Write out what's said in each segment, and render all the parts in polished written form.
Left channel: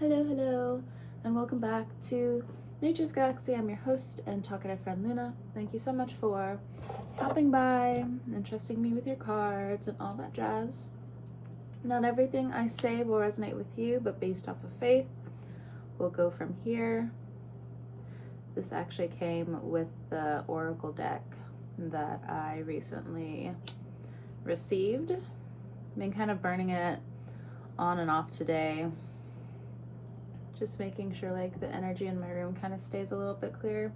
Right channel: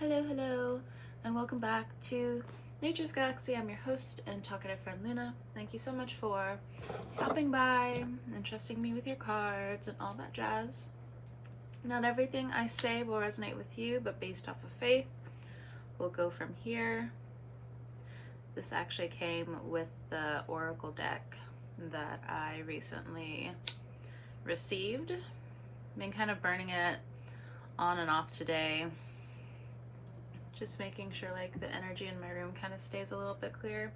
Hello, and welcome back to Nature's Galaxy. I'm your host and talkative friend Luna. Thank you so much for stopping by and trusting me with your cards and all that jazz. Not everything I say will resonate with you, but based off of faith, we'll go from here. This actually came with the Oracle deck that I recently received. Been kind of burning it on and off today. Just making sure like the energy in my room kind of stays a little bit clear.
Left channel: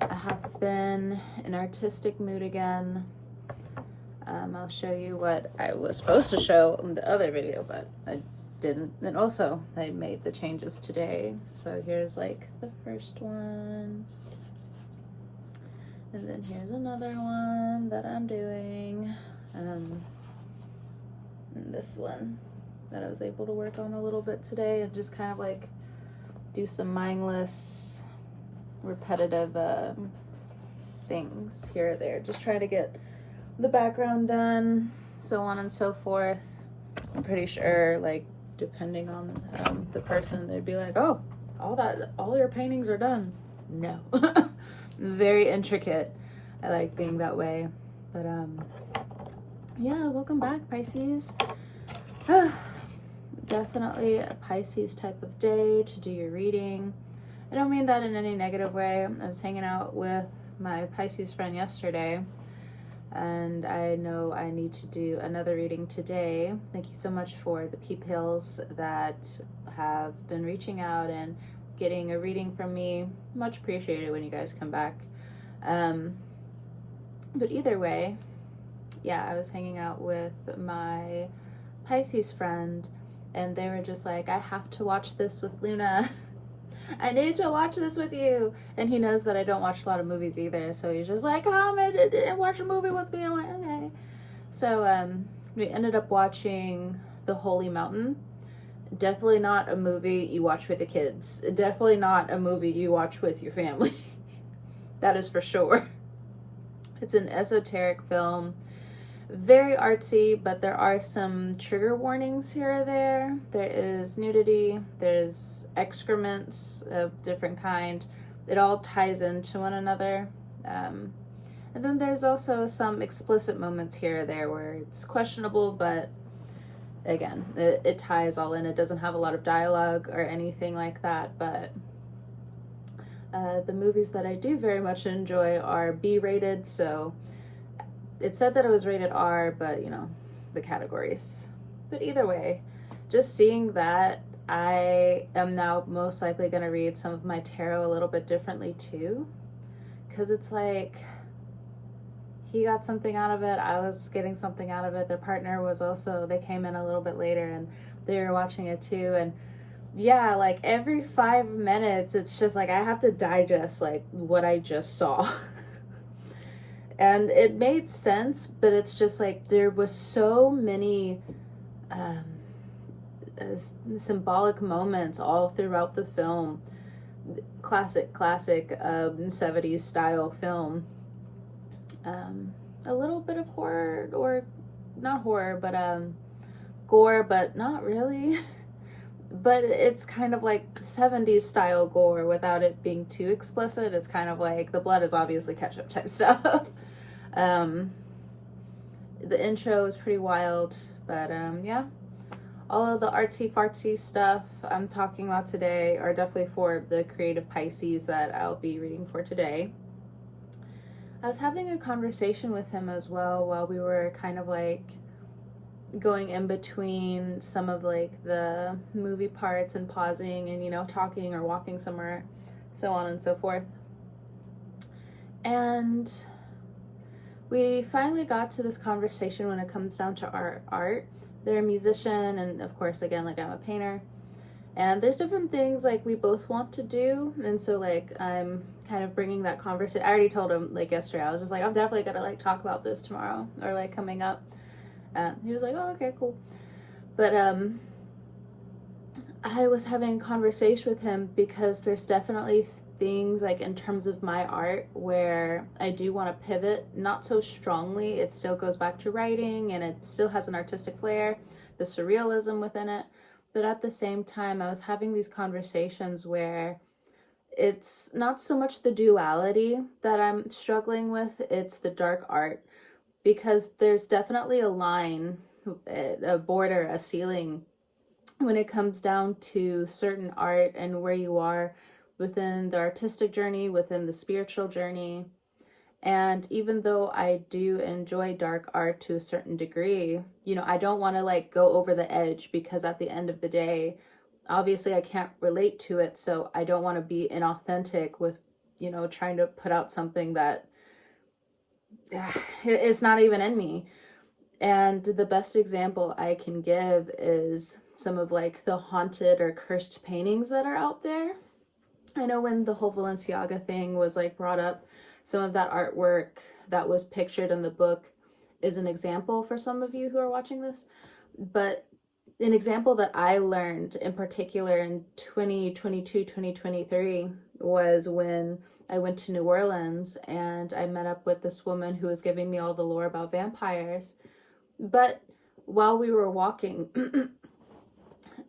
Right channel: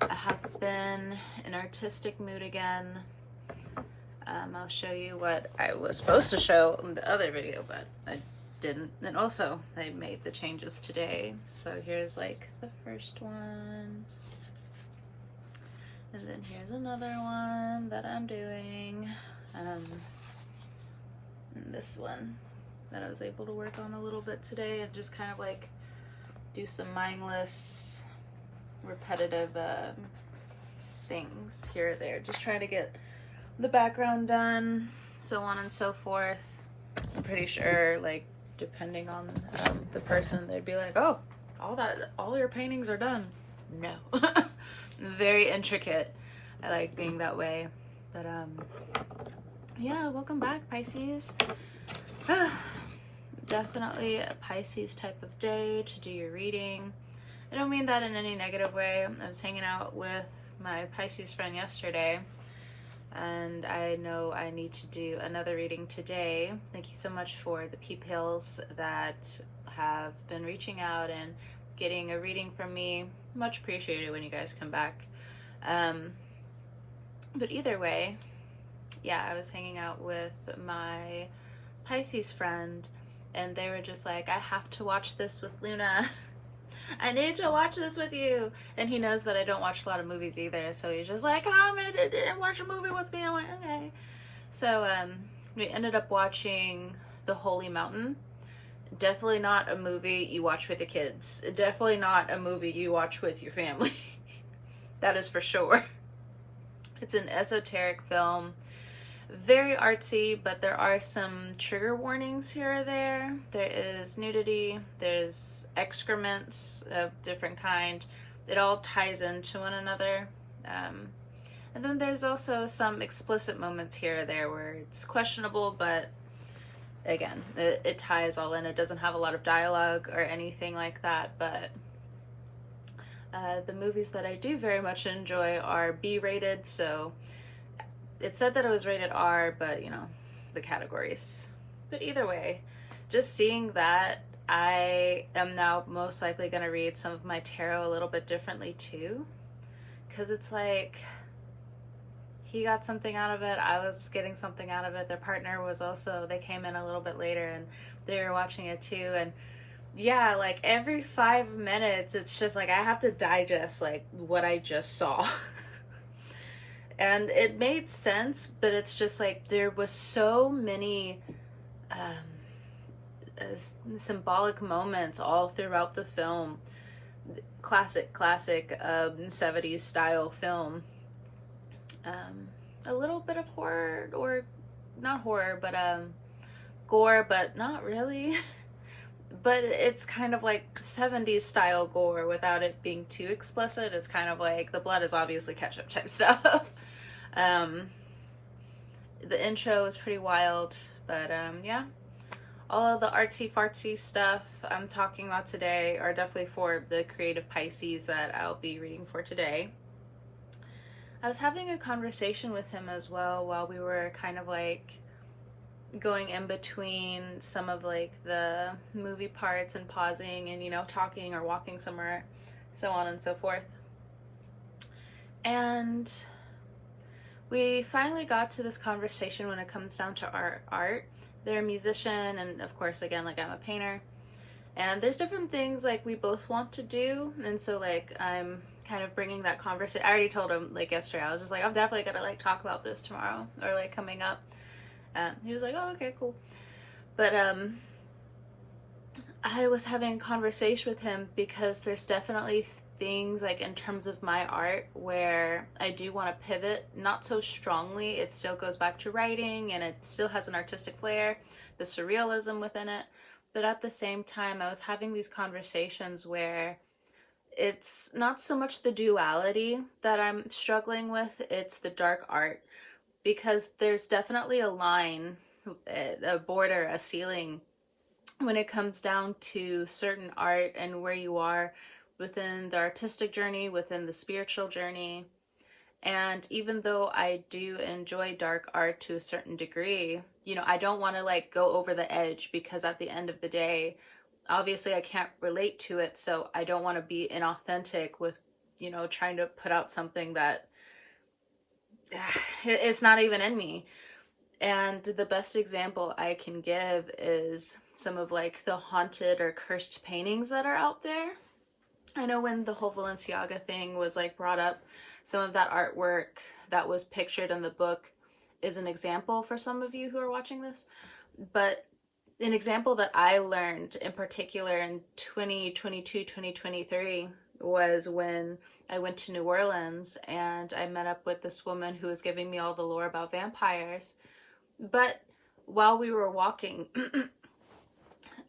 I have been in artistic mood again. I'll show you what I was supposed to show in the other video, but I didn't. And also I made the changes today. So here's like the first one. And then here's another one that I'm doing. And this one that I was able to work on a little bit today and just kind of like do some mindless, repetitive things here or there. Just trying to get the background done, so on and so forth. I'm pretty sure, like, depending on the person, they'd be like, oh, all your paintings are done. No. Very intricate. I like being that way. But yeah, welcome back, Pisces. Definitely a Pisces type of day to do your reading. I don't mean that in any negative way. I was hanging out with my Pisces friend yesterday, and I know I need to do another reading today. Thank you so much for the peoples that have been reaching out and getting a reading from me. Much appreciated when you guys come back. But either way, yeah, I was hanging out with my Pisces friend, and they were just like, I have to watch this with Luna. I need to watch this with you. And he knows that I don't watch a lot of movies either, so he's just like, come and watch a movie with me. I'm like, okay. So we ended up watching The Holy Mountain. Definitely not a movie you watch with the kids. Definitely not a movie you watch with your family. That is for sure. It's an esoteric film. Very artsy, but there are some trigger warnings here or there. There is nudity, there's excrements of different kind. It all ties into one another. And then there's also some explicit moments here or there where it's questionable, but again, it ties all in. It doesn't have a lot of dialogue or anything like that, but the movies that I do very much enjoy are B-rated, so it said that it was rated R, but you know, the categories. But either way, just seeing that, I am now most likely going to read some of my tarot a little bit differently too. Because it's like, he got something out of it, I was getting something out of it. Their partner was also, they came in a little bit later and they were watching it too. And yeah, like every 5 minutes, it's just like, I have to digest like what I just saw. And it made sense, but it's just like there was so many symbolic moments all throughout the film. Classic 70s style film. A little bit of horror, or not horror, but gore, but not really. But it's kind of like 70s style gore without it being too explicit. It's kind of like the blood is obviously ketchup type stuff. The intro is pretty wild, but yeah, all of the artsy fartsy stuff I'm talking about today are definitely for the creative Pisces that I'll be reading for today. I was having a conversation with him as well while we were kind of like going in between some of like the movie parts and pausing and, you know, talking or walking somewhere, so on and so forth. And we finally got to this conversation when it comes down to our art. They're a musician, and of course, again, like I'm a painter. And there's different things like we both want to do. And so like I'm kind of bringing that conversation. I already told him like yesterday, I was just like, I'm definitely gonna like talk about this tomorrow or like coming up. He was like, oh, okay, cool. But I was having a conversation with him because there's definitely things like in terms of my art where I do want to pivot, not so strongly. It still goes back to writing and it still has an artistic flair, the surrealism within it, But at the same time, I was having these conversations where it's not so much the duality that I'm struggling with, it's the dark art. Because there's definitely a line, a border, a ceiling when it comes down to certain art and where you are within the artistic journey, within the spiritual journey. And even though I do enjoy dark art to a certain degree, you know, I don't want to like go over the edge, because at the end of the day, obviously I can't relate to it. So I don't want to be inauthentic with, you know, trying to put out something that it's not even in me. And the best example I can give is some of like the haunted or cursed paintings that are out there. I know when the whole Balenciaga thing was like brought up, some of that artwork that was pictured in the book is an example for some of you who are watching this. But an example that I learned in particular in 2022, 2023 was when I went to New Orleans and I met up with this woman who was giving me all the lore about vampires. But while we were walking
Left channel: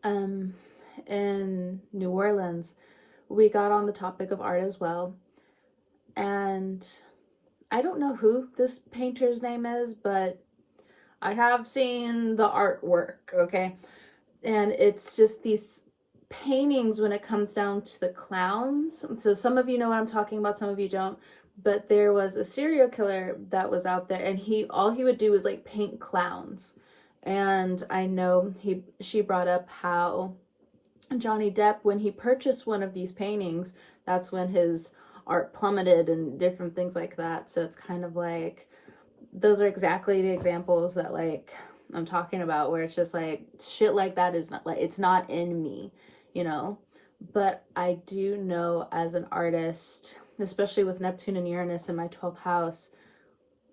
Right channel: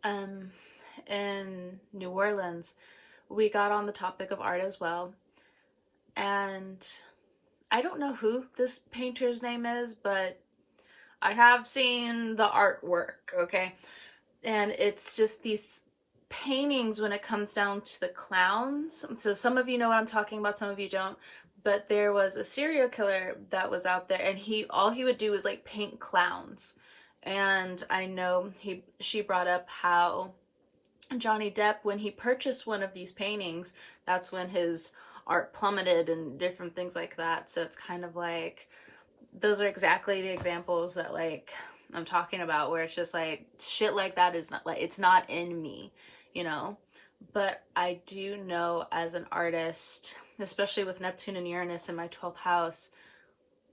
in New Orleans, we got on the topic of art as well. And I don't know who this painter's name is, but I have seen the artwork, okay? And it's just these paintings when it comes down to the clowns. So some of you know what I'm talking about, some of you don't. But there was a serial killer that was out there, and all he would do was like paint clowns. And I know she brought up how Johnny Depp, when he purchased one of these paintings, that's when his art plummeted and different things like that. So it's kind of like, those are exactly the examples that like I'm talking about, where it's just like shit like that is not like, it's not in me, you know. But I do know as an artist, especially with Neptune and Uranus in my 12th house,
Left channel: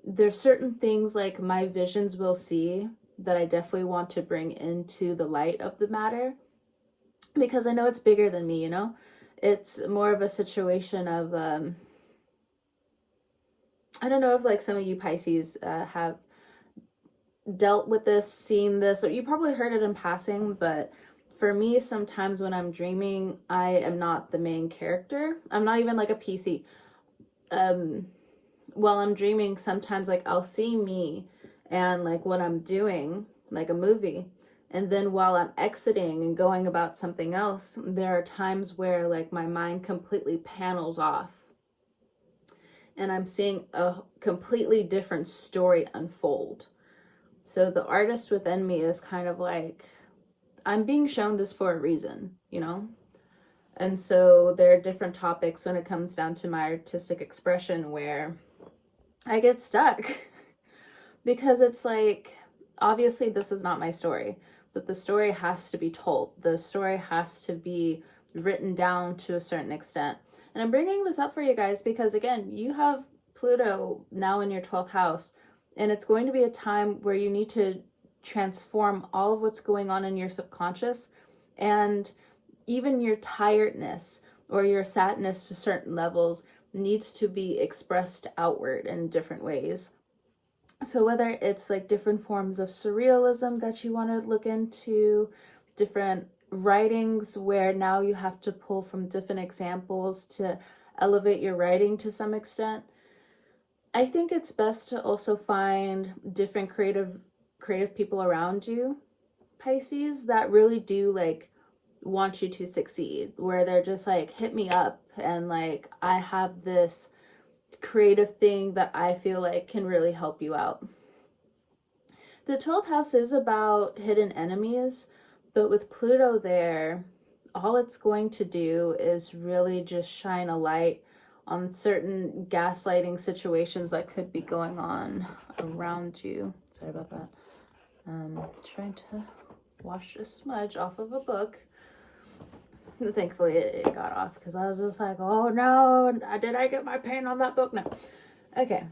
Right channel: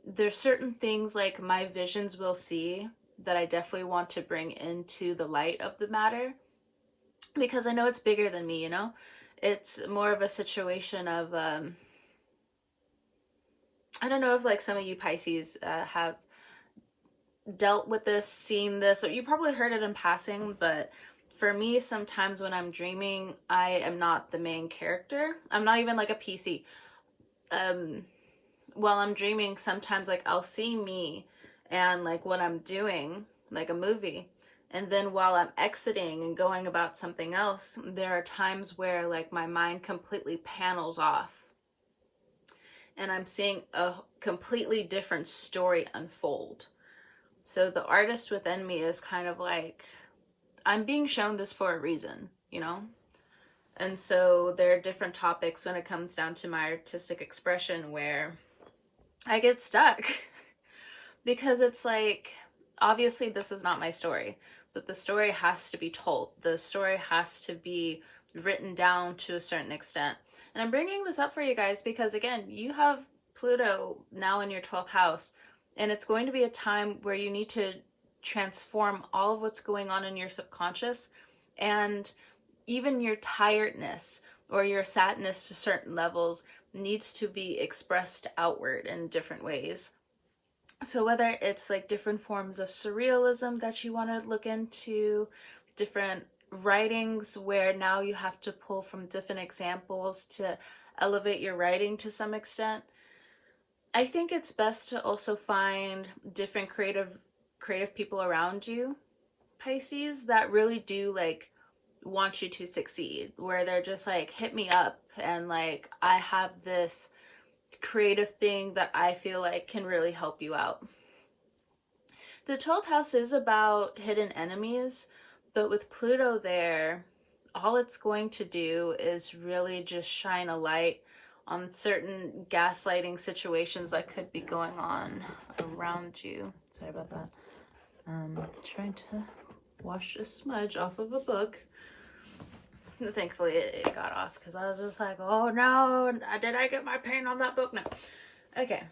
there's certain things like my visions will see that I definitely want to bring into the light of the matter, because I know it's bigger than me, you know. It's more of a situation of I don't know if like some of you Pisces have dealt with this, seen this, or you probably heard it in passing, but for me, sometimes when I'm dreaming, I am not the main character. I'm not even like a PC. While I'm dreaming, sometimes like I'll see me and like what I'm doing, like a movie. And then while I'm exiting and going about something else, there are times where like my mind completely panels off. And I'm seeing a completely different story unfold. So the artist within me is kind of like, I'm being shown this for a reason, you know? And so there are different topics when it comes down to my artistic expression where I get stuck because it's like, obviously this is not my story, but the story has to be told. The story has to be written down to a certain extent. And I'm bringing this up for you guys because, again, you have Pluto now in your 12th house, and it's going to be a time where you need to transform all of what's going on in your subconscious, and even your tiredness or your sadness to certain levels needs to be expressed outward in different ways. So whether it's like different forms of surrealism that you want to look into, different writings where now you have to pull from different examples to elevate your writing to some extent, I think it's best to also find different creative people around you, Pisces, that really do like want you to succeed, where they're just like, hit me up, and like, I have this creative thing that I feel like can really help you out. The 12th house is about hidden enemies, but with Pluto there, all it's going to do is really just shine a light on certain gaslighting situations that could be going on around you. Sorry about that. Trying to wash a smudge off of a book. Thankfully it got off, because I was just like, oh no, did I get my paint on that book? No. Okay.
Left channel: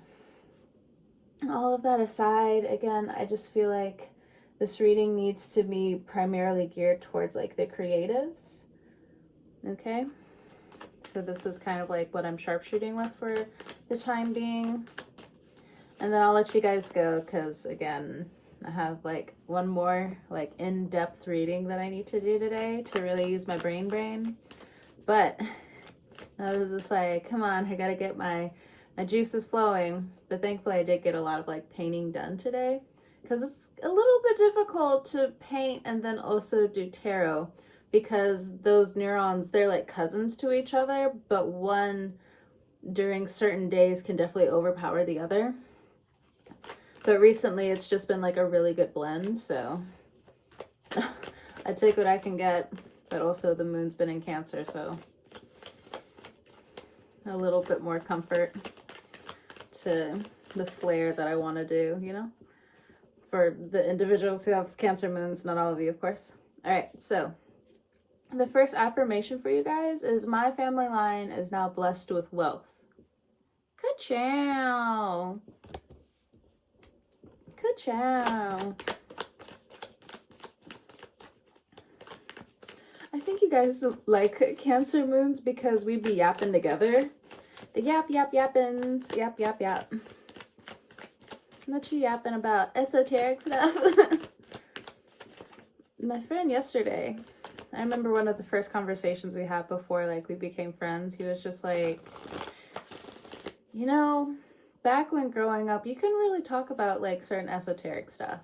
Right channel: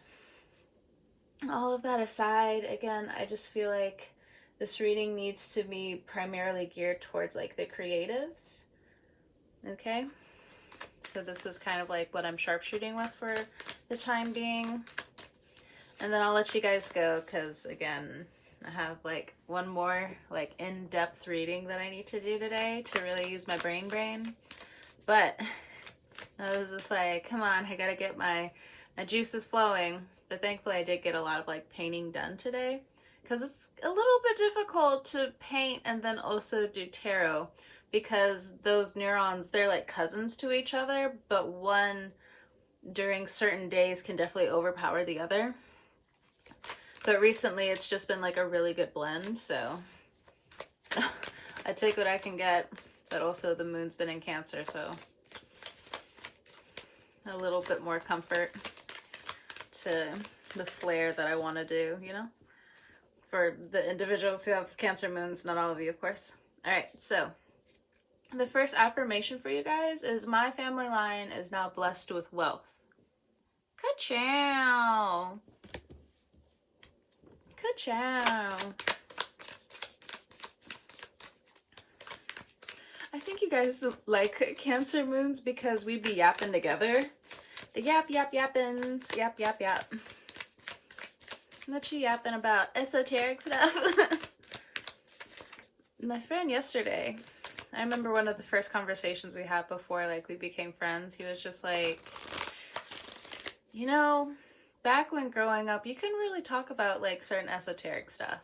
All of that aside, again, I just feel like this reading needs to be primarily geared towards like the creatives. Okay. So this is kind of like what I'm sharpshooting with for the time being. And then I'll let you guys go, because again, I have like one more like in-depth reading that I need to do today to really use my brain. But I was just like, come on, I gotta get my juices flowing. But thankfully I did get a lot of like painting done today, because it's a little bit difficult to paint and then also do tarot, because those neurons, they're like cousins to each other, but one during certain days can definitely overpower the other. But recently it's just been like a really good blend, so I take what I can get. But also the moon's been in Cancer, so a little bit more comfort to the flair that I want to do, you know, for the individuals who have Cancer moons, not all of you, of course. All right, so the first affirmation for you guys is, my family line is now blessed with wealth. Ka-chow. Ka-chow. I think you guys like Cancer moons because we be yapping together. The yappins. Yap. What you yapping about? Esoteric stuff? My friend yesterday, I remember one of the first conversations we had before like we became friends, he was just like, you know, back when growing up, you couldn't really talk about like certain esoteric stuff.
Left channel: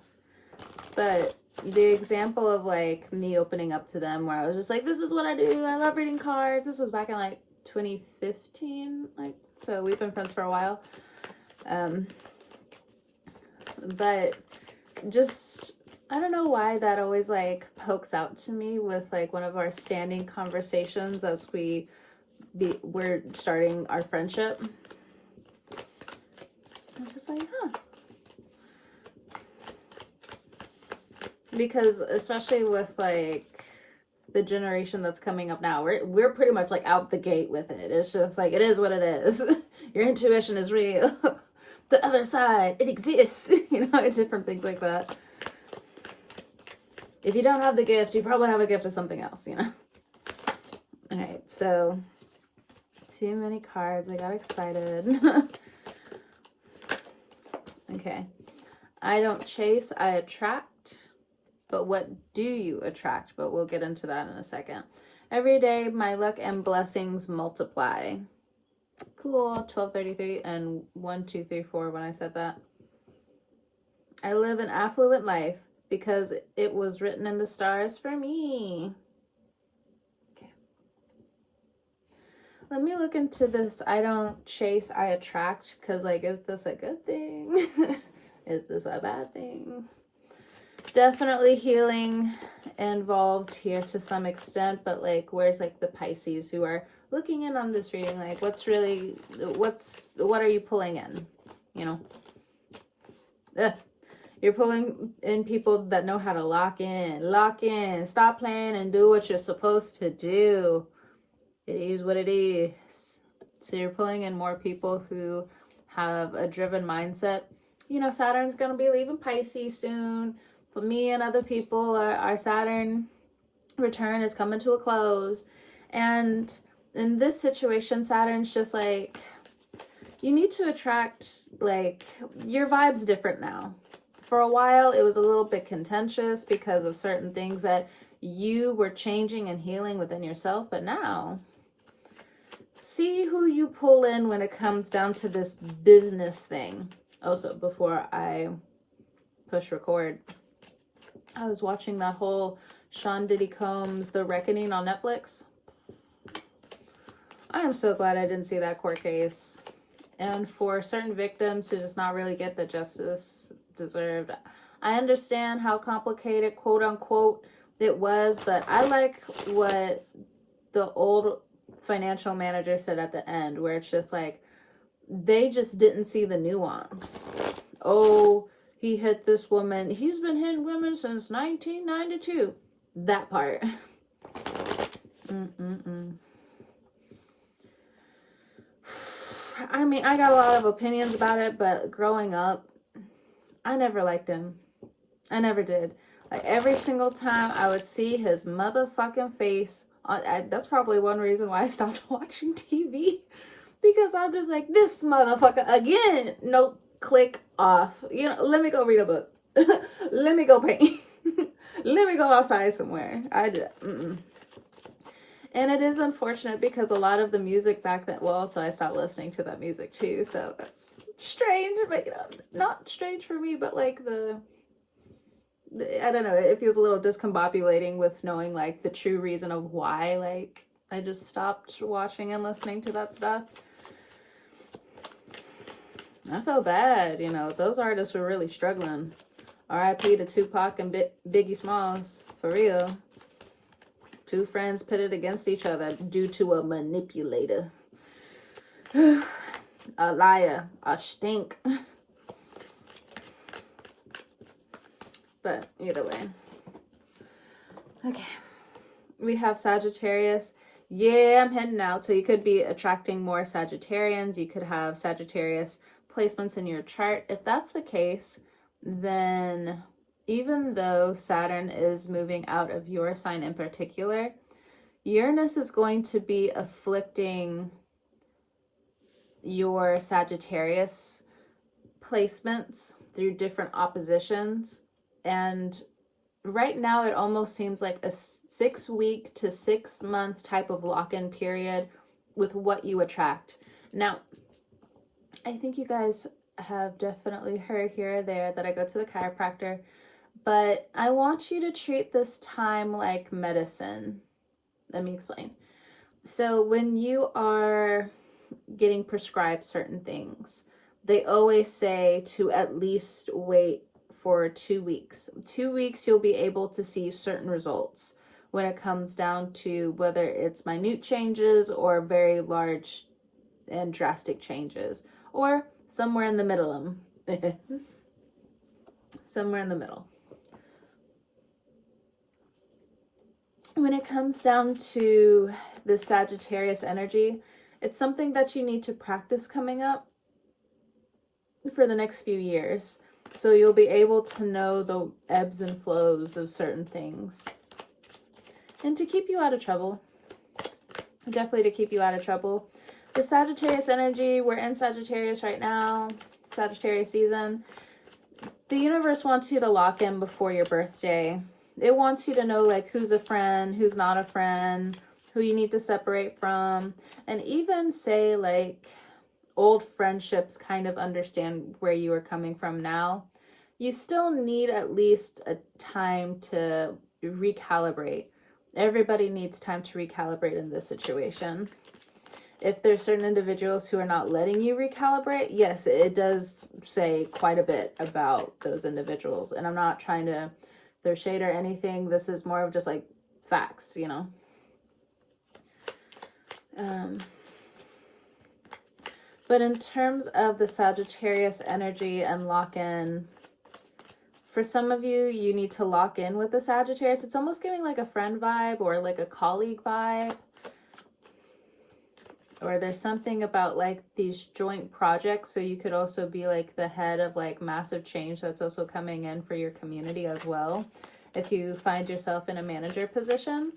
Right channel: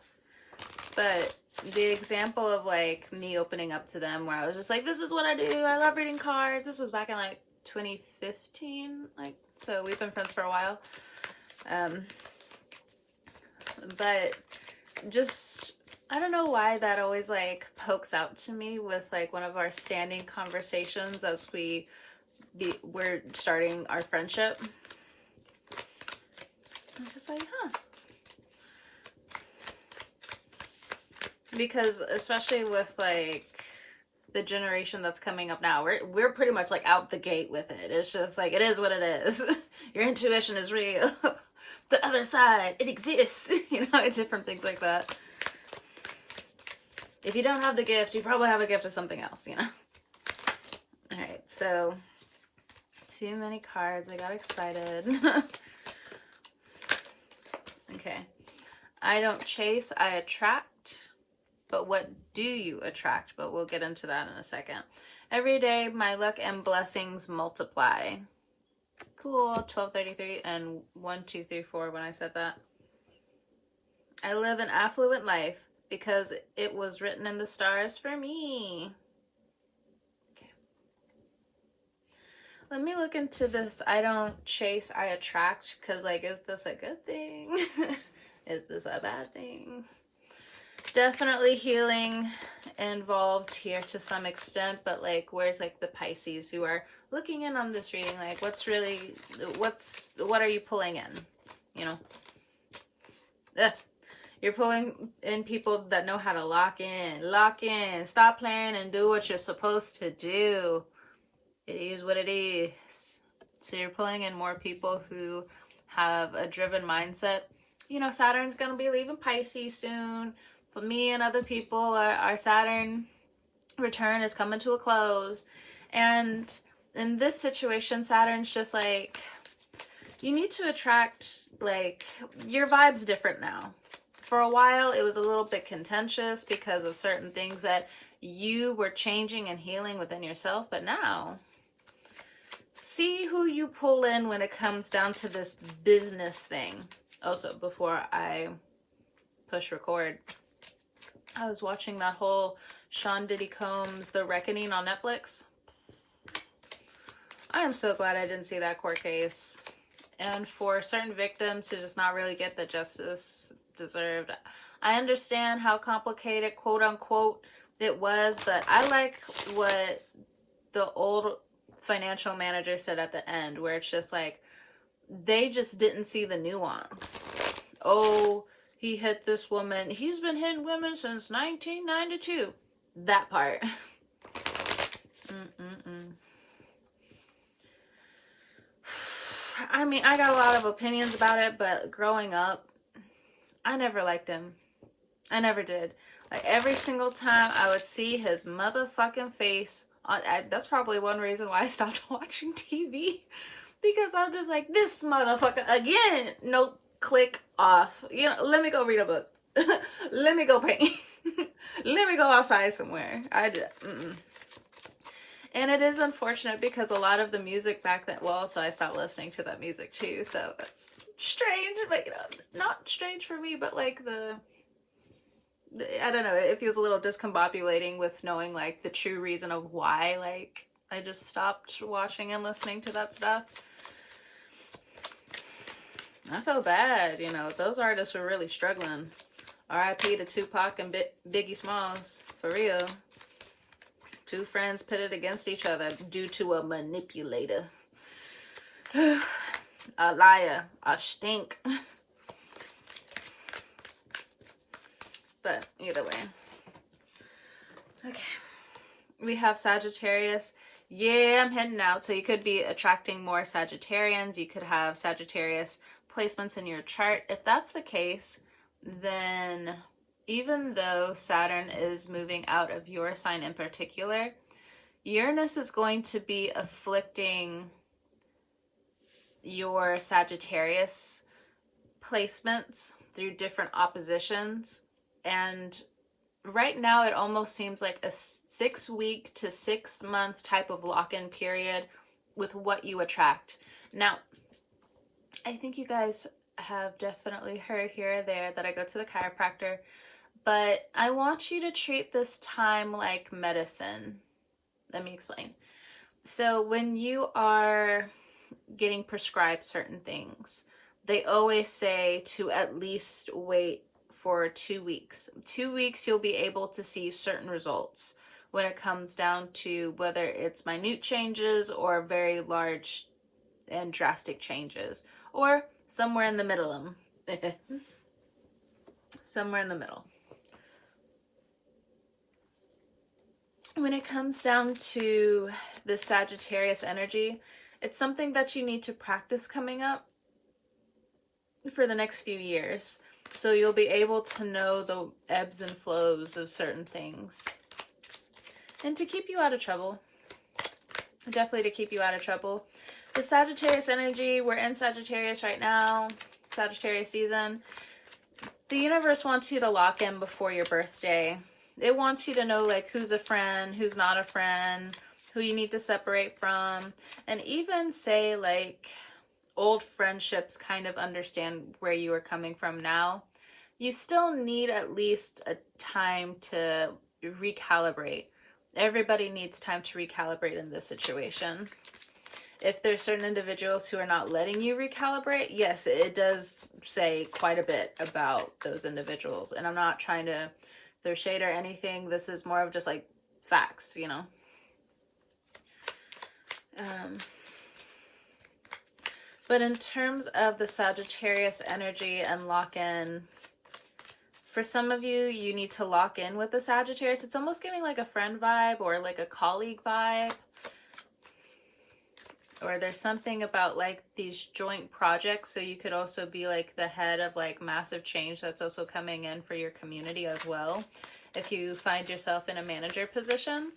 But the example of like me opening up to them where I was just like, this is what I do, I love reading cards. This was back in like 2015, like, so we've been friends for a while. But just, I don't know why that always like pokes out to me with like one of our standing conversations as we're starting our friendship. I was just like, huh. Because especially with like the generation that's coming up now, we're pretty much like out the gate with it. It's just like, it is what it is. Your intuition is real. The other side, it exists. You know, different things like that. If you don't have the gift, you probably have a gift of something else, you know. All right, so too many cards. I got excited. Okay. I don't chase, I attract. But what do you attract? But we'll get into that in a second. Every day, my luck and blessings multiply. Cool. 1233 and 1234 when I said that. I live an affluent life because it was written in the stars for me. Okay. Let me look into this. I don't chase, I attract. Because, like, is this a good thing? Is this a bad thing? Definitely healing involved here to some extent, but like, where's like the Pisces who are looking in on this reading? Like, what are you pulling in? You know, you're pulling in people that know how to lock in, stop playing and do what you're supposed to do. It is what it is. So you're pulling in more people who have a driven mindset. You know, Saturn's going to be leaving Pisces soon. For me and other people, our Saturn return is coming to a close. And in this situation, Saturn's just like, you need to attract, like, your vibe's different now. For a while, it was a little bit contentious because of certain things that you were changing and healing within yourself. But now, see who you pull in when it comes down to this business thing. Also, before I push record, I was watching that whole Sean Diddy Combs' The Reckoning on Netflix. I am so glad I didn't see that court case. And for certain victims to just not really get the justice deserved. I understand how complicated, quote unquote, it was, but I like what the old financial manager said at the end, where it's just like, they just didn't see the nuance. Oh, he hit this woman. He's been hitting women since 1992. That part. I mean, I got a lot of opinions about it, but growing up, I never liked him. I never did. Like, every single time I would see his motherfucking face, that's probably one reason why I stopped watching TV. Because I'm just like, this motherfucker again. Nope. Click off. You know, let me go read a book. Let me go paint. Let me go outside somewhere. And it is unfortunate because a lot of the music back then, well, so I stopped listening to that music too, so that's strange, but you know, not strange for me, but like I don't know, it feels a little discombobulating with knowing like the true reason of why like I just stopped watching and listening to that stuff. I feel bad, you know, those artists were really struggling. R.I.P. to Tupac and Biggie Smalls, for real. Two friends pitted against each other due to a manipulator. A liar, a stink. But either way. Okay. We have Sagittarius. Yeah, I'm heading out. So you could be attracting more Sagittarians. You could have Sagittarius placements in your chart. If that's the case, then even though Saturn is moving out of your sign in particular, Uranus is going to be afflicting your Sagittarius placements through different oppositions. And right now it almost seems like a 6 week to 6 month type of lock-in period with what you attract. Now, I think you guys have definitely heard here or there that I go to the chiropractor, but I want you to treat this time like medicine. Let me explain. So when you are getting prescribed certain things, they always say to at least wait for 2 weeks. 2 weeks, you'll be able to see certain results when it comes down to whether it's minute changes or very large and drastic changes, or somewhere in the middle. Somewhere in the middle. When it comes down to the Sagittarius energy, it's something that you need to practice coming up for the next few years. So you'll be able to know the ebbs and flows of certain things. And to keep you out of trouble. Definitely to keep you out of trouble. The Sagittarius energy, we're in Sagittarius right now. Sagittarius season. The universe wants you to lock in before your birthday. It wants you to know like who's a friend, who's not a friend, who you need to separate from. And even say like old friendships kind of understand where you are coming from now. You still need at least a time to recalibrate. Everybody needs time to recalibrate in this situation. If there's certain individuals who are not letting you recalibrate, yes, it does say quite a bit about those individuals. And I'm not trying to throw shade or anything. This is more of just like facts, you know. But in terms of the Sagittarius energy and lock-in, for some of you, you need to lock in with the Sagittarius. It's almost giving like a friend vibe or like a colleague vibe. Or there's something about like these joint projects. So you could also be like the head of like massive change that's also coming in for your community as well. If you find yourself in a manager position.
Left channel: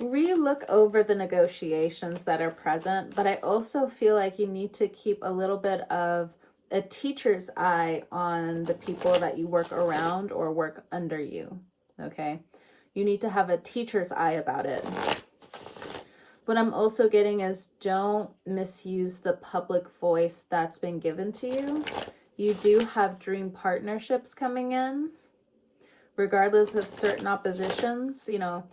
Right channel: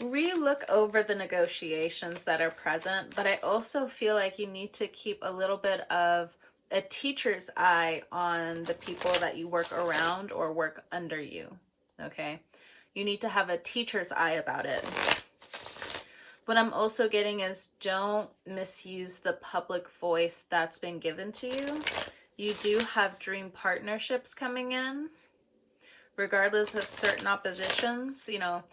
Re-look over the negotiations that are present, but I also feel like you need to keep a little bit of a teacher's eye on the people that you work around or work under you, okay? You need to have a teacher's eye about it. What I'm also getting is don't misuse the public voice that's been given to you. You do have dream partnerships coming in, regardless of certain oppositions, you know.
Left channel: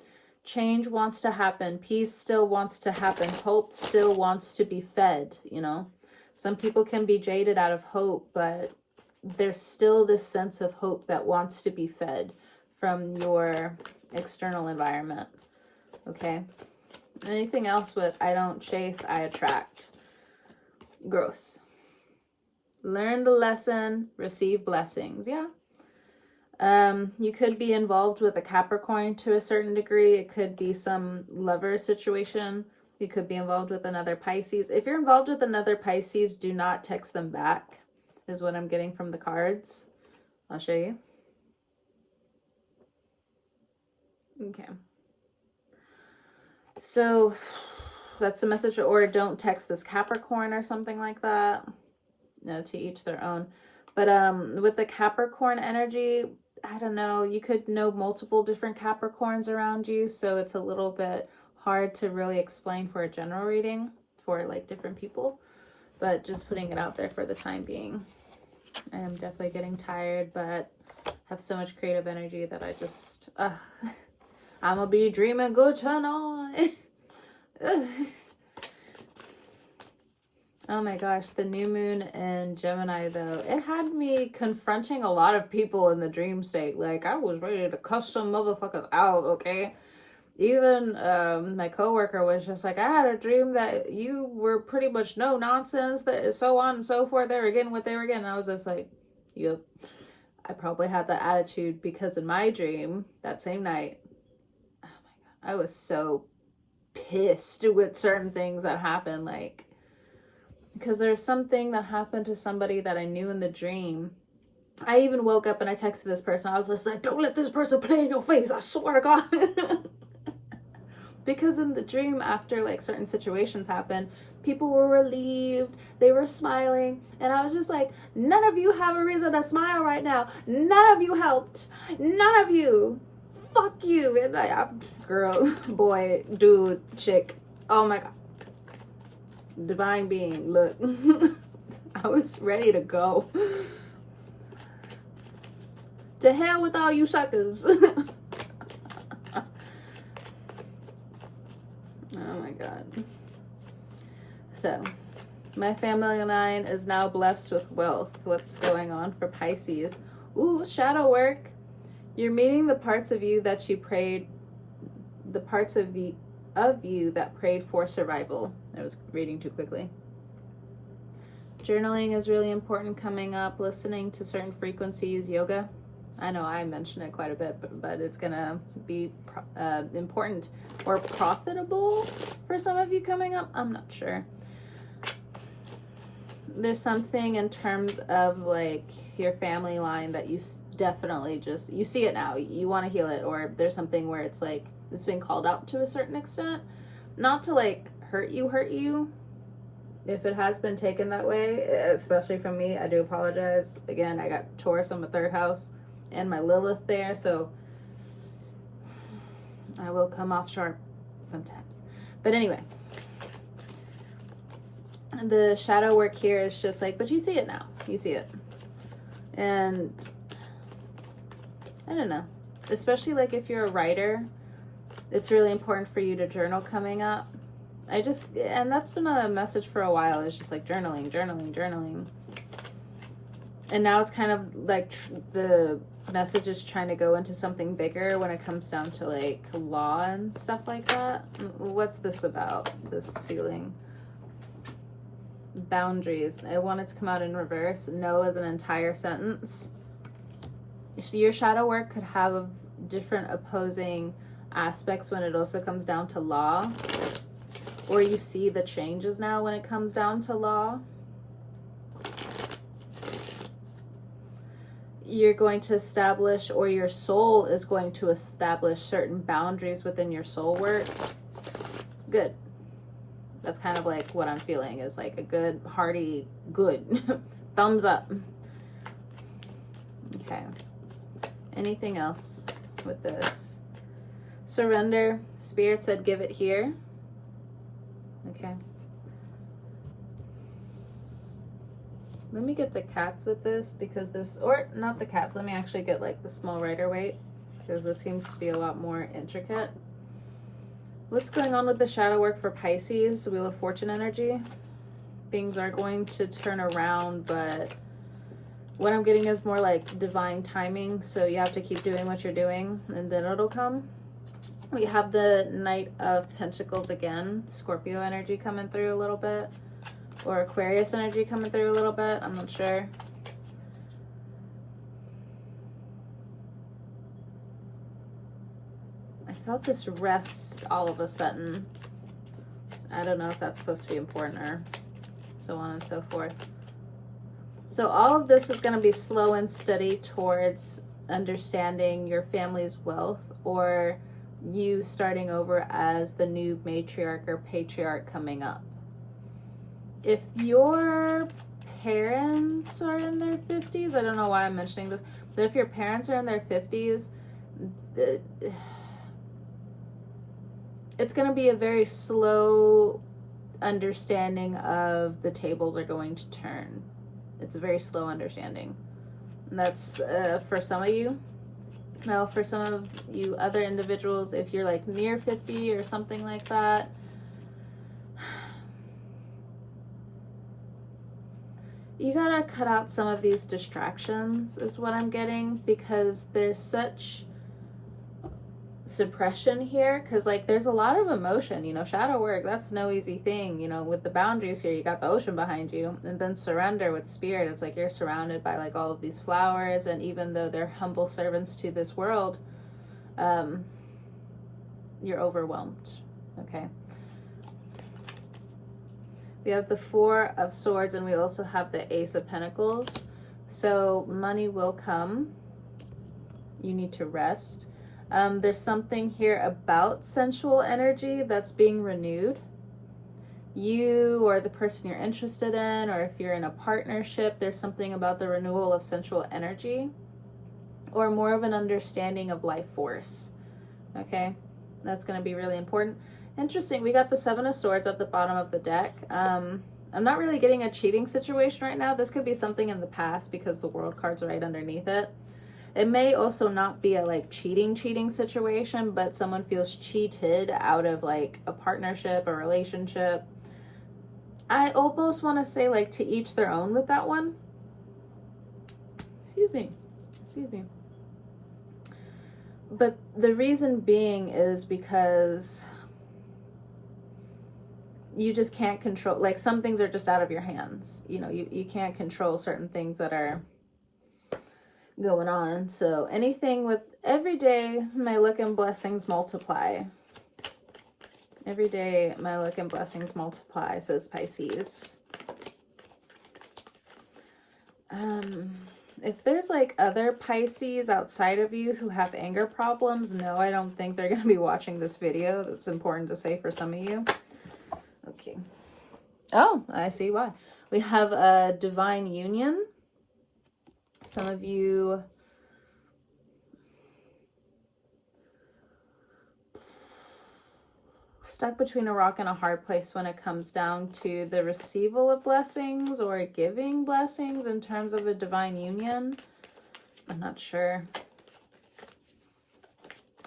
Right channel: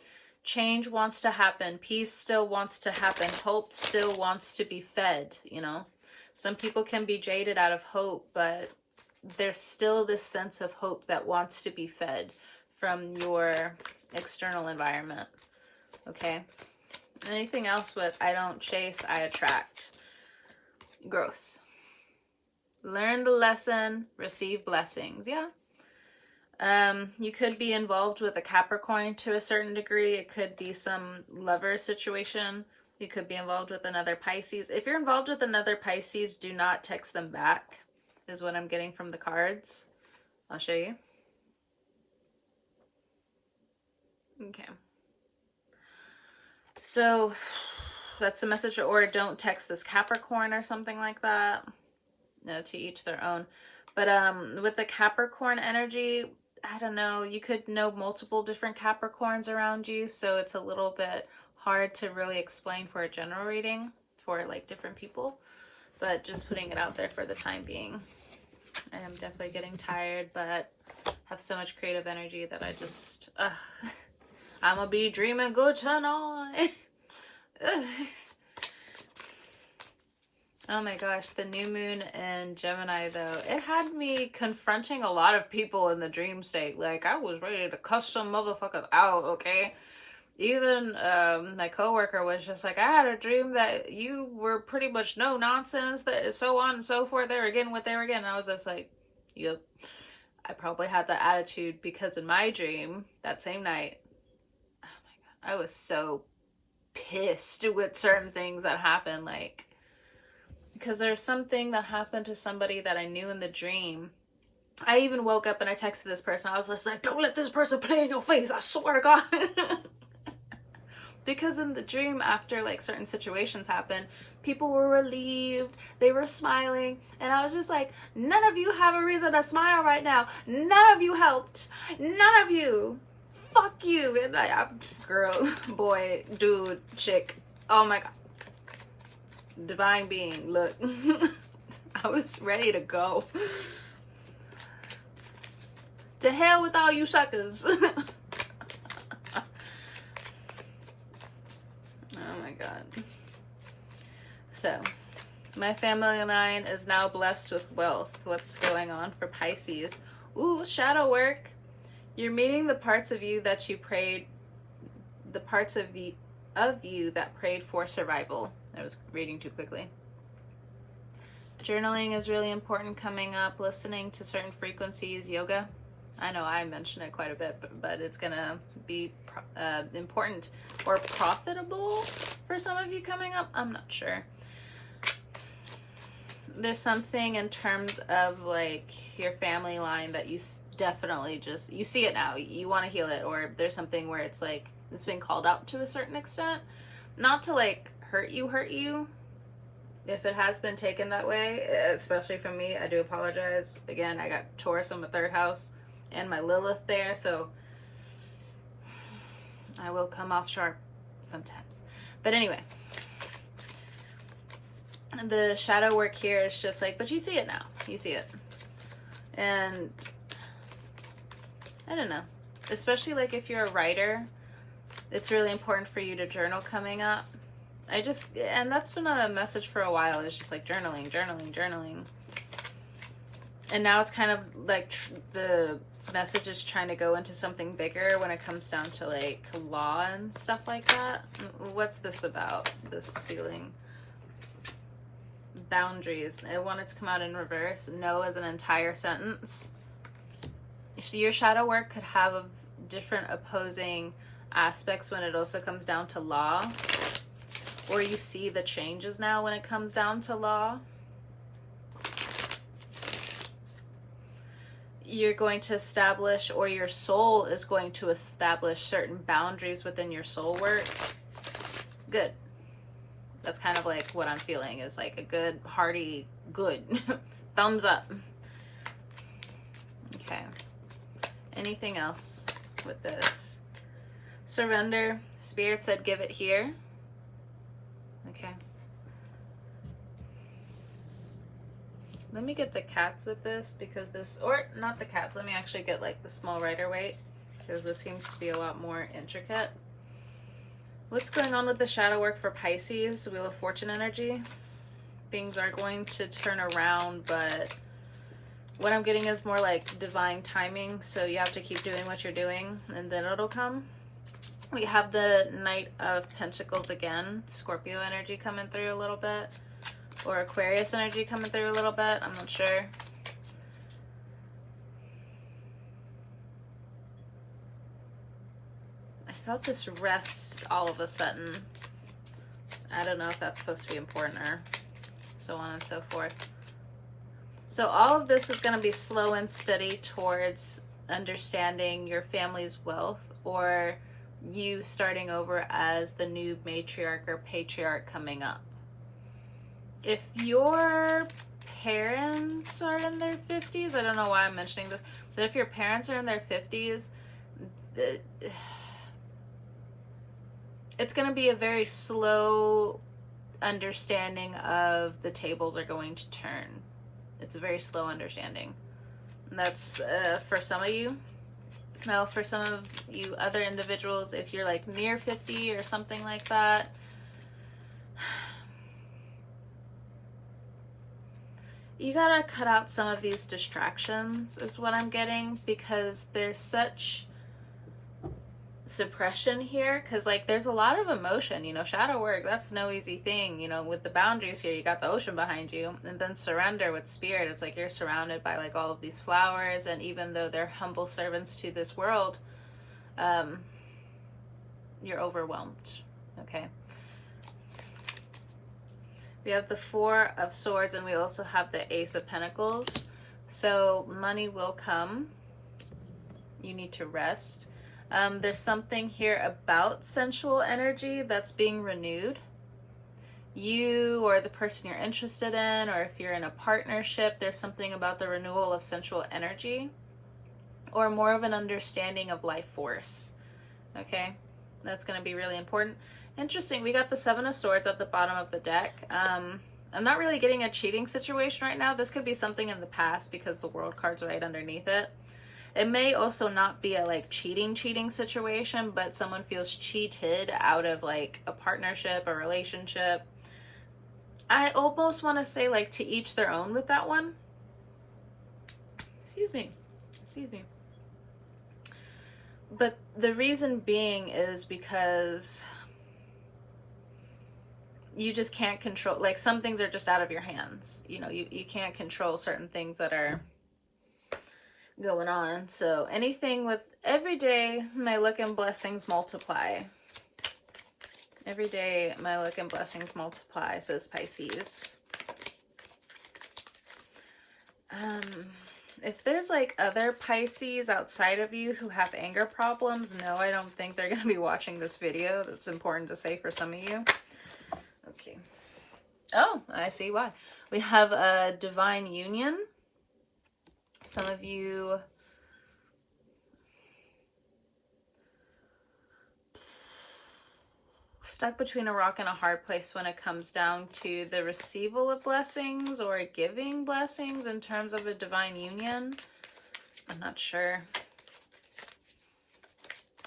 Change wants to happen. Peace still wants to happen. Hope still wants to be fed, you know. Some people can be jaded out of hope, but there's still this sense of hope that wants to be fed from your external environment, okay? Anything else with I don't chase, I attract. Growth. Learn the lesson, receive blessings, yeah. You could be involved with a Capricorn to a certain degree. It could be some lover situation. You could be involved with another Pisces. If you're involved with another Pisces, do not text them back, is what I'm getting from the cards. I'll show you. Okay. So that's the message, or don't text this Capricorn or something like that. No, to each their own. But with the Capricorn energy, I don't know, you could know multiple different Capricorns around you, so it's a little bit hard to really explain for a general reading for like different people, but just putting it out there for the time being. I am definitely getting tired, but have so much creative energy that I just I'm gonna be dreaming good tonight. Oh my gosh, the new moon in Gemini though, it had me confronting a lot of people in the dream state. Like, I was ready to cuss some motherfuckers out, okay? Even my coworker was just like, I had a dream that you were pretty much no nonsense, that so on and so forth. They were getting what they were getting. I was just like, yep. I probably had that attitude because in my dream that same night, oh my God, I was so pissed with certain things that happened. Like, because there's something that happened to somebody that I knew in the dream. I even woke up and I texted this person. I was just like, don't let this person play in your face. I swear to God. Because in the dream, after like certain situations happened, people were relieved, they were smiling, and I was just like, none of you have a reason to smile right now. None of you helped. None of you. Fuck you. And girl, boy, dude, chick. Oh my God. Divine being, look. I was ready to go. To hell with all you suckers. Oh my God. So, my family line is now blessed with wealth. What's going on for Pisces? Ooh, shadow work. You're meeting the parts of you that you prayed, the parts of you that prayed for survival. I was reading too quickly. Journaling is really important coming up. Listening to certain frequencies. Yoga. I know I mentioned it quite a bit, but it's gonna be important or profitable for some of you coming up. I'm not sure. There's something in terms of like your family line that you definitely just, you see it now, you want to heal it, or there's something where it's like it's been called out to a certain extent, not to like hurt you. If it has been taken that way, especially from me, I do apologize. Again, I got Taurus in my third house and my Lilith there, so I will come off sharp sometimes. But anyway, the shadow work here is just like, but you see it now. You see it. And I don't know. Especially like if you're a writer, it's really important for you to journal coming up. And that's been a message for a while. It's just like journaling. And now it's kind of like the message is trying to go into something bigger when it comes down to like law and stuff like that. What's this about? This feeling? Boundaries. I want it to come out in reverse. No as an entire sentence. Your shadow work could have different opposing aspects when it also comes down to law. Or you see the changes now when it comes down to law. You're going to establish, or your soul is going to establish certain boundaries within your soul work. Good. That's kind of like what I'm feeling is like a good, hearty, good. Thumbs up. Okay. Anything else with this? Surrender. Spirit said give it here. Okay. Let me get the cats with this because this, or not the cats, let me actually get like the small Rider-Waite because this seems to be a lot more intricate. What's going on with the shadow work for Pisces? Wheel of Fortune energy. Things are going to turn around, but what I'm getting is more like divine timing. So you have to keep doing what you're doing and then it'll come. We have the Knight of Pentacles again. Scorpio energy coming through a little bit. Or Aquarius energy coming through a little bit. I'm not sure. I felt this rest all of a sudden. I don't know if that's supposed to be important or so on and so forth. So all of this is going to be slow and steady towards understanding your family's wealth or you starting over as the new matriarch or patriarch coming up. If your parents are in their 50s, I don't know why I'm mentioning this, but if your parents are in their 50s, it's going to be a very slow understanding of the tables are going to turn. It's a very slow understanding. And that's for some of you. Now, for some of you other individuals, if you're like near 50 or something like that, you gotta cut out some of these distractions is what I'm getting, because there's such suppression here, because like there's a lot of emotion, you know. Shadow work, that's no easy thing, you know. With the boundaries here, you got the ocean behind you, and then surrender with spirit, it's like you're surrounded by like all of these flowers, and even though they're humble servants to this world, you're overwhelmed. Okay, we have the Four of Swords, and we also have the Ace of Pentacles. So money will come. You need to rest. There's something here about sensual energy that's being renewed. You or the person you're interested in, or if you're in a partnership, there's something about the renewal of sensual energy, or more of an understanding of life force. Okay, that's going to be really important. Interesting, we got the Seven of Swords at the bottom of the deck. I'm not really getting a cheating situation right now. This could be something in the past because the World card's right underneath it. It may also not be a like cheating situation, but someone feels cheated out of like a partnership, a relationship. I almost want to say like to each their own with that one. Excuse me. But the reason being is because you just can't control, like some things are just out of your hands. You know, you can't control certain things that are going on. So anything with every day, my luck and blessings multiply. Every day, my luck and blessings multiply, says Pisces. If there's like other Pisces outside of you who have anger problems, no, I don't think they're going to be watching this video. That's important to say for some of you. Okay. Oh, I see why. We have a divine union. Some of you stuck between a rock and a hard place when it comes down to the receival of blessings or giving blessings in terms of a divine union. I'm not sure.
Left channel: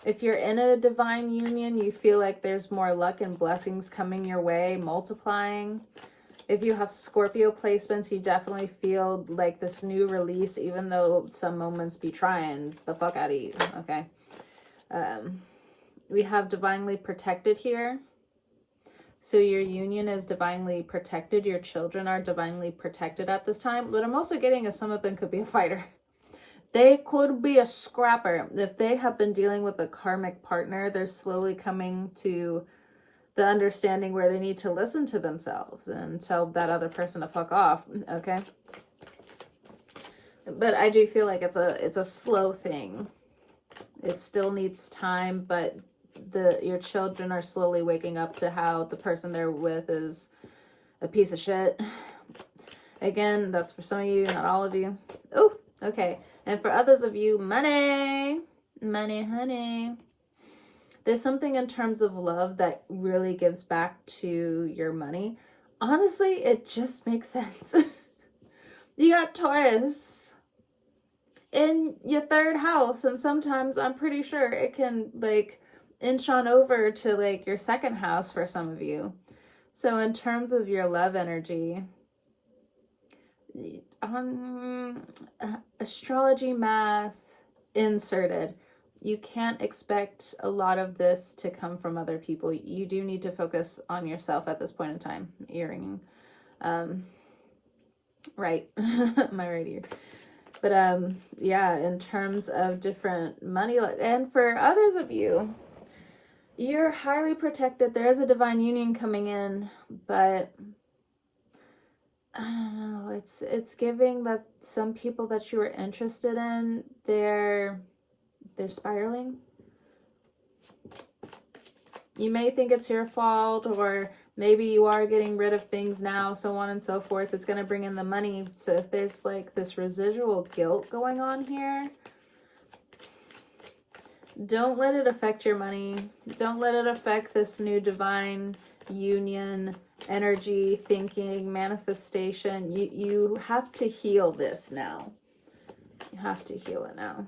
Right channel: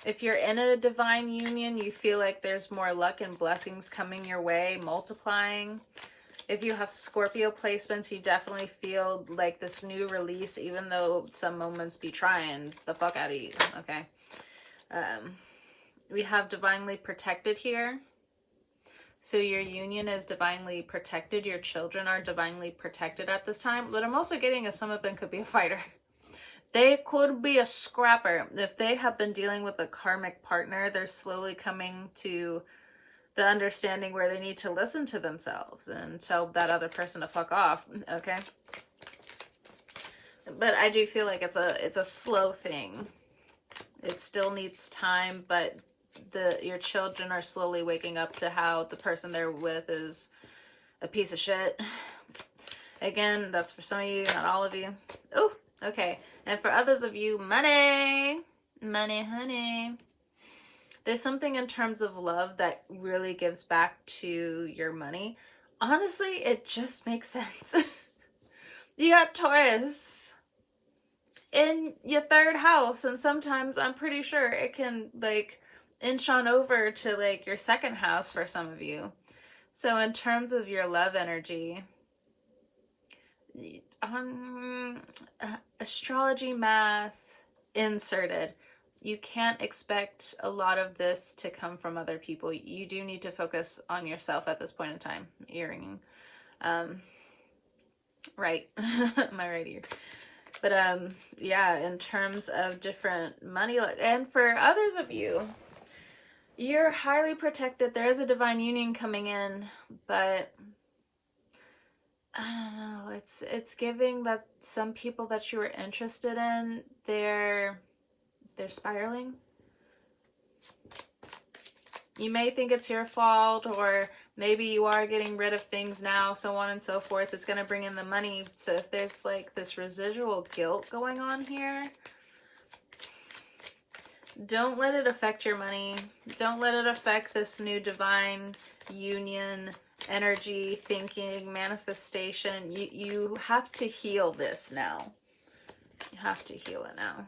If you're in a divine union, you feel like there's more luck and blessings coming your way, multiplying. If you have Scorpio placements, you definitely feel like this new release, even though some moments be trying the fuck out of you, okay? We have divinely protected here. So your union is divinely protected. Your children are divinely protected at this time. What I'm also getting is some of them could be a fighter. They could be a scrapper. If they have been dealing with a karmic partner, they're slowly coming to the understanding where they need to listen to themselves and tell that other person to fuck off, okay? But I do feel like it's a slow thing. It still needs time, but your children are slowly waking up to how the person they're with is a piece of shit. Again, that's for some of you, not all of you. Oh, okay. And for others of you, money, honey. There's something in terms of love that really gives back to your money. Honestly, it just makes sense. You got Taurus in your third house, and sometimes I'm pretty sure it can like inch on over to like your second house for some of you. So in terms of your love energy, astrology, math inserted, you can't expect a lot of this to come from other people. You do need to focus on yourself at this point in time. Earring. Right. My right ear. But yeah, in terms of different money, and for others of you, you're highly protected. There is a divine union coming in, but I don't know. It's giving that some people that you were interested in, they're spiraling. You may think it's your fault, or Maybe you are getting rid of things now, so on and so forth. It's going to bring in the money. So if there's like this residual guilt going on here, don't let it affect your money. Don't let it affect this new divine union, energy, thinking, manifestation. You have to heal this now. You have to heal it now.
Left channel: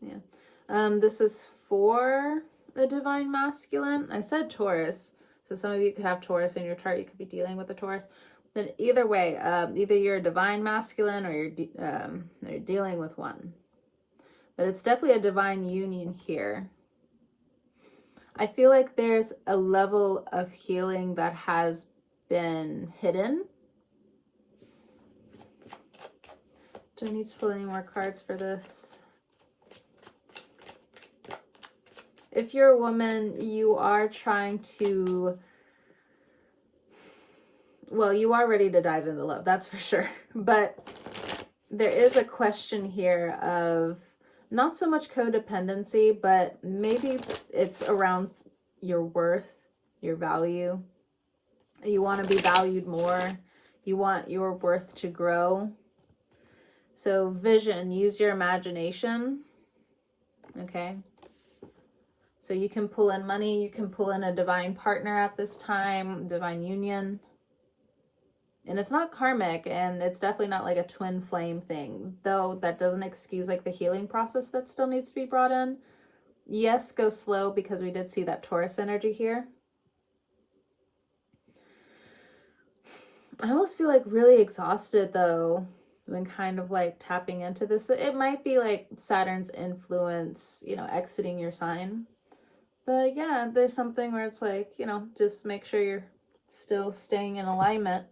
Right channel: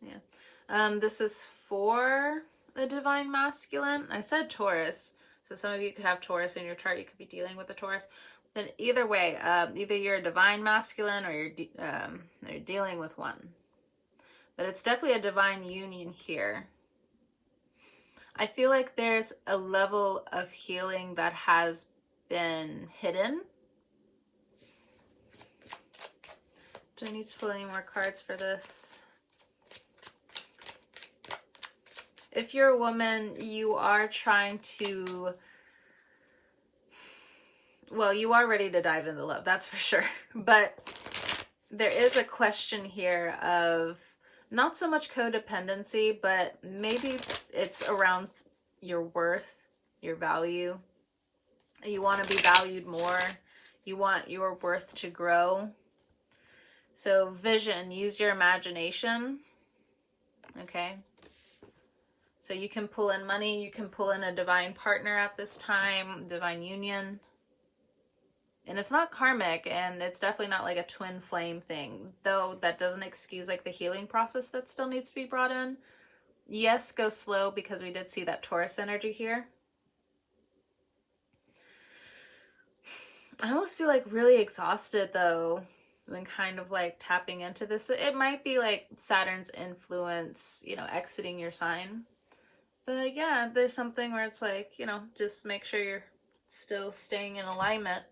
Yeah. This is for the divine masculine. I said Taurus. So some of you could have Taurus in your chart. You could be dealing with a Taurus. But either way, either you're a divine masculine or you're dealing with one. But it's definitely a divine union here. I feel like there's a level of healing that has been hidden. Do I need to pull any more cards for this? If you're a woman, you are trying to, well, you are ready to dive into love, that's for sure. But there is a question here of not so much codependency, but maybe it's around your worth, your value. You want to be valued more. You want your worth to grow. So vision, use your imagination. Okay. So you can pull in money. You can pull in a divine partner at this time, divine union. And it's not karmic, and it's definitely not like a twin flame thing, though that doesn't excuse like the healing process that still needs to be brought in. Yes, go slow, because we did see that Taurus energy here. I almost feel like really exhausted though when kind of like tapping into this. It might be like Saturn's influence, you know, exiting your sign. But yeah, there's something where it's like, you know, just make sure you're still staying in alignment.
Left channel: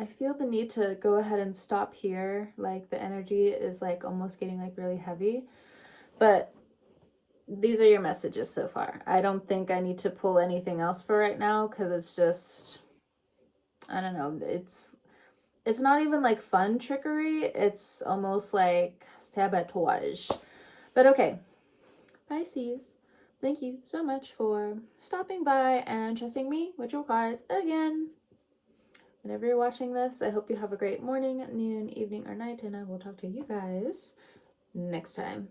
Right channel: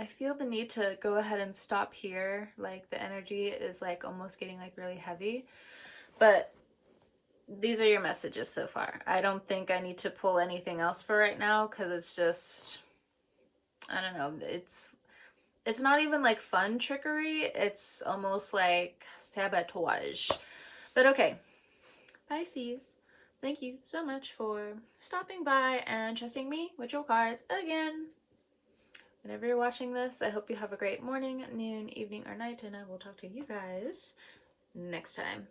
I feel the need to go ahead and stop here. Like the energy is like almost getting like really heavy. But these are your messages so far. I don't think I need to pull anything else for right now, because it's just, I don't know. It's not even like fun trickery. It's almost like sabotage. But okay, Pisces, thank you so much for stopping by and trusting me with your cards again. Whenever you're watching this, I hope you have a great morning, noon, evening, or night, and I will talk to you guys next time.